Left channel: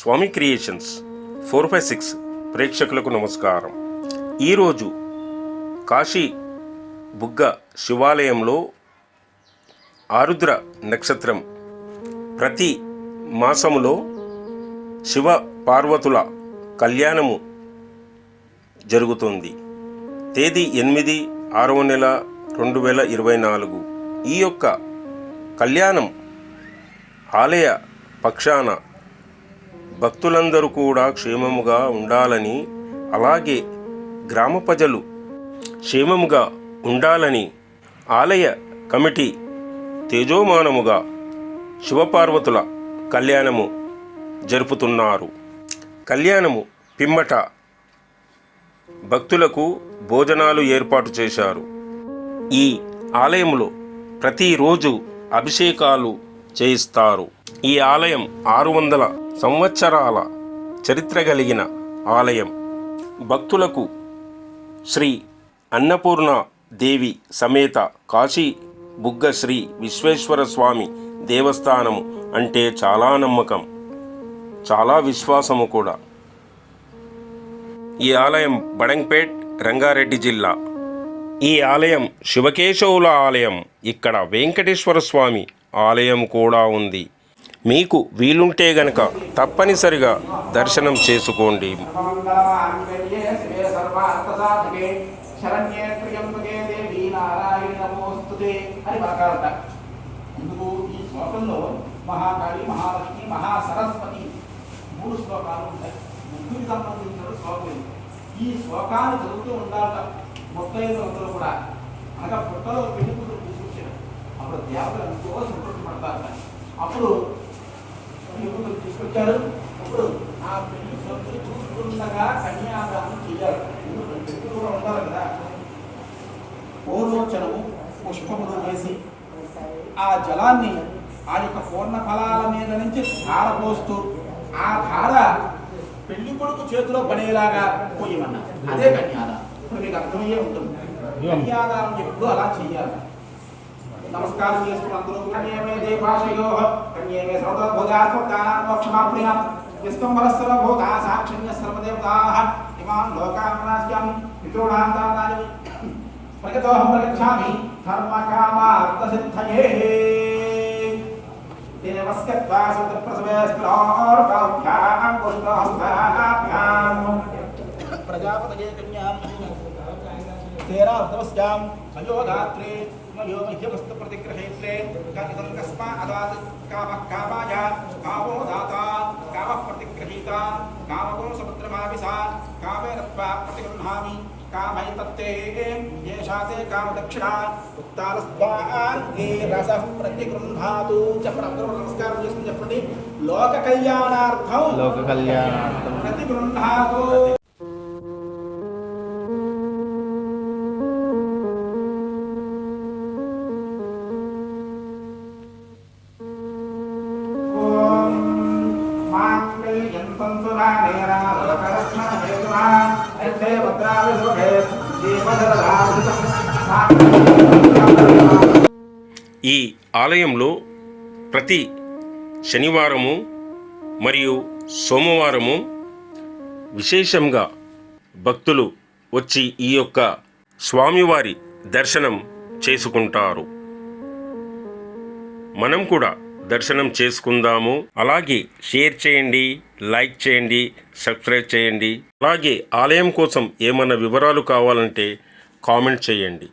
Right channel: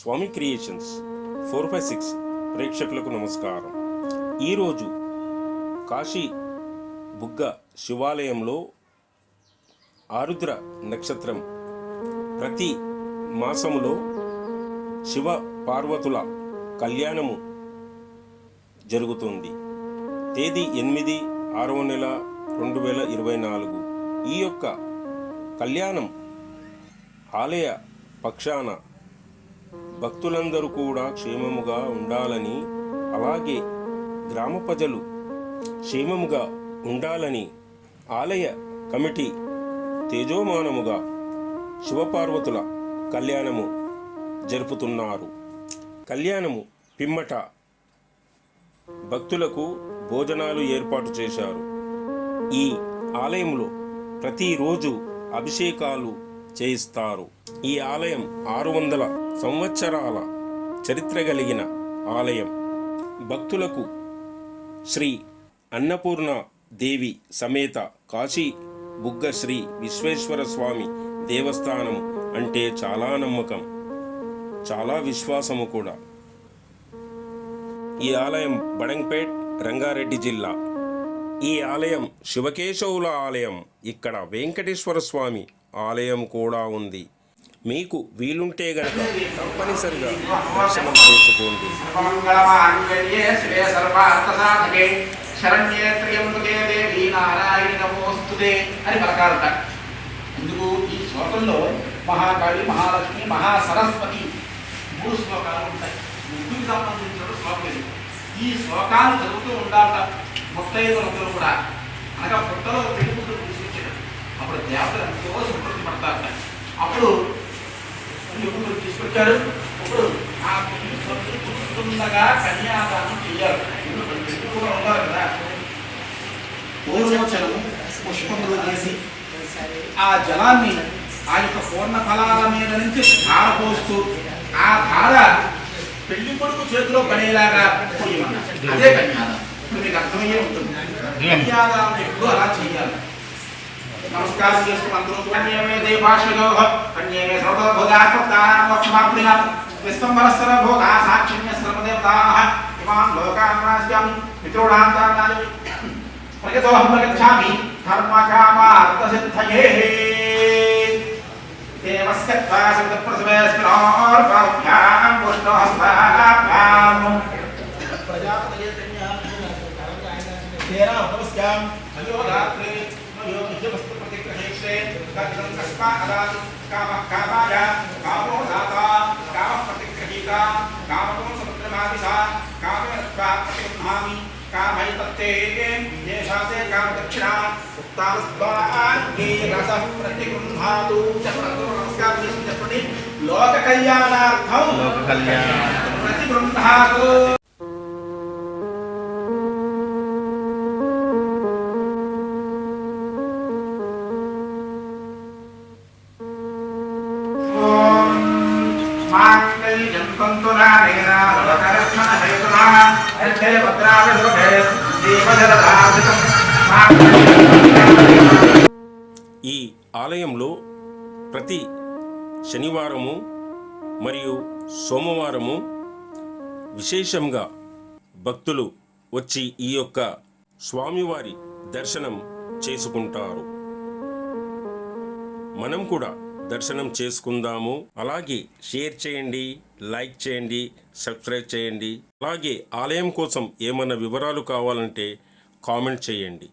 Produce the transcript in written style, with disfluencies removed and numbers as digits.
స్వామి creations 456 ప్రేక్షకులకు నమస్కారం. ఈరోజు కాశీ బుగ్గ శివాలయంలో ఆరుద్ర నక్షత్రం ప్రతి మాసములో శివ పార్వతుల కళ్యాణము జరుగుతుంది. తేదీ 8/6/2024. ఈ యొక్క కళ్యాణం ఆలయ పక్షాన భక్తులందరూ కూడా క్షేమముగా ఉండాలని, అలాగే గ్రామ ప్రజలు క్షేమముగా ఉండాలని ఆలయ కమిటీ తేజోమానముగా శివపార్వతుల కళ్యాణము జరుపుతున్నారు. కళ్యాణము పిమ్మట భక్తులకు భోజనాలు ఏర్పాటు చేశారు. ఈ ఆలయంలో ప్రతిరోజు అభిషేకాలు చేయిస్తారు. ఈ ఆలయం 600 సంవత్సరాల చరిత్ర కలిగిన ఆలయం. భక్తులకు శ్రీ అన్నపూర్ణ దేవి సమేత కాశీ బుగ్గ శ్రీ విశ్వేశ్వర స్వామి దేవస్థానం అంటే చాలా నమ్మకం, చాలా విశ్వాసము కూడా. ఈ ఆలయం బడంగ్పేట్, రంగారెడ్డి జిల్లా. ఈ ఆలయం శివకేశవుల ఆలయం. ఇక్కడ వెంకటేశ్వర స్వామి ఆలయం కూడా ఉంది. మీకు వీలుంటే గనక తప్పనిసరిగా దర్శనం చేసుకోండి. ఎందుకు ఈ శ్లోకంలో మహాకాళి, మహాలక్ష్మి, మహాసరస్వతి 3 శ్లోకాలు ఉంటాయి. ముగ్గురికి సంబంధించిన శ్లోకం ఇది. ఈ శ్లోకాలు చదువుతూ ఉండాలట ముత్తైదులందరూ కూడా. అనగా పుట్టలో తెలుగులు తీసుకొచ్చారు. అప్పుడు దేవతలు ఎంతో సంతృప్తి పడతారట. అప్పుడు తెలుగులు తీసుకొచ్చారు. అప్పుడు ఆ పుట్టుకుండగా కన్యాదానం చెయ్యాలి. తెలుగు కూడా ఉండాలి కదా. పూర్వోచనము పుష్పములు చేసి ఆ జలాన్ని ఆ యొక్క పూర్ణ ఫలాల మీద నుంచి ధార పోస్తూ ఆ ధార పెళ్లి కొడుకు చేతిలో పడేలాగా పోయమన్నారు. అదే కన్యాదానం. ఇప్పుడు మీకు అర్థమయ్యే ఉంటుంది. కన్యాదానం ఎప్పుడు అలా చెయ్యాలి. నమస్కారం చేసుకుని అందరూ కన్యమే భాషలో కన్యమే సర్వభోగాక్షమాప్రియ విశ్వంబరస్వర భోగా సాక్షిణ్య సర్వదేవతాః ఇమాం లోకాన్ రాజ్యామి మిత్రోడాంతానాని ప్రగతోహం ప్రగచ్ఛామి ధర్మకామార్థసిద్ధయే దేవస్కత్వా సప్తప్రసవేస్మిరోర్భ్యాం పుష్ణోహస్తాభ్యాం ప్రజాపతయే తేరా నమస్కారం అయోధాత్రే నయో నిజమస్తు ప్రతిగ్రహేక్షే కథం కస్మా అదాది కామః కామాయ కామో దాతా కామః ప్రతిగ్రహీత కామో సముద్రమాదిశా కామేనత్వా ప్రతిగృహామి కామైతత్తే యేషాతే కామదక్షిణా ఉక్తావస్వాన్యే రసః ప్రతిగృహాతు. చెప్పండి, నమస్కారం చేసి చెప్పండి. లోక కళ్యాణార్థం ప్రతిగృహాతు. ఈ ఆలయంలో ప్రతి శనివారము మరియు సోమవారము విశేషంగా భక్తులు వచ్చి ఈ యొక్క స్వామివారి దర్శనం చేసుకుంటారు. మనం కూడా దర్శనం చేసుకుందాము. అలాగే షేర్ చేయండి, లైక్ చేయండి, సబ్స్క్రైబ్ చేయండి. అలాగే ఆలయం కోసం ఏమన్నా వివరాలు కావాలంటే కామెంట్ చేయండి.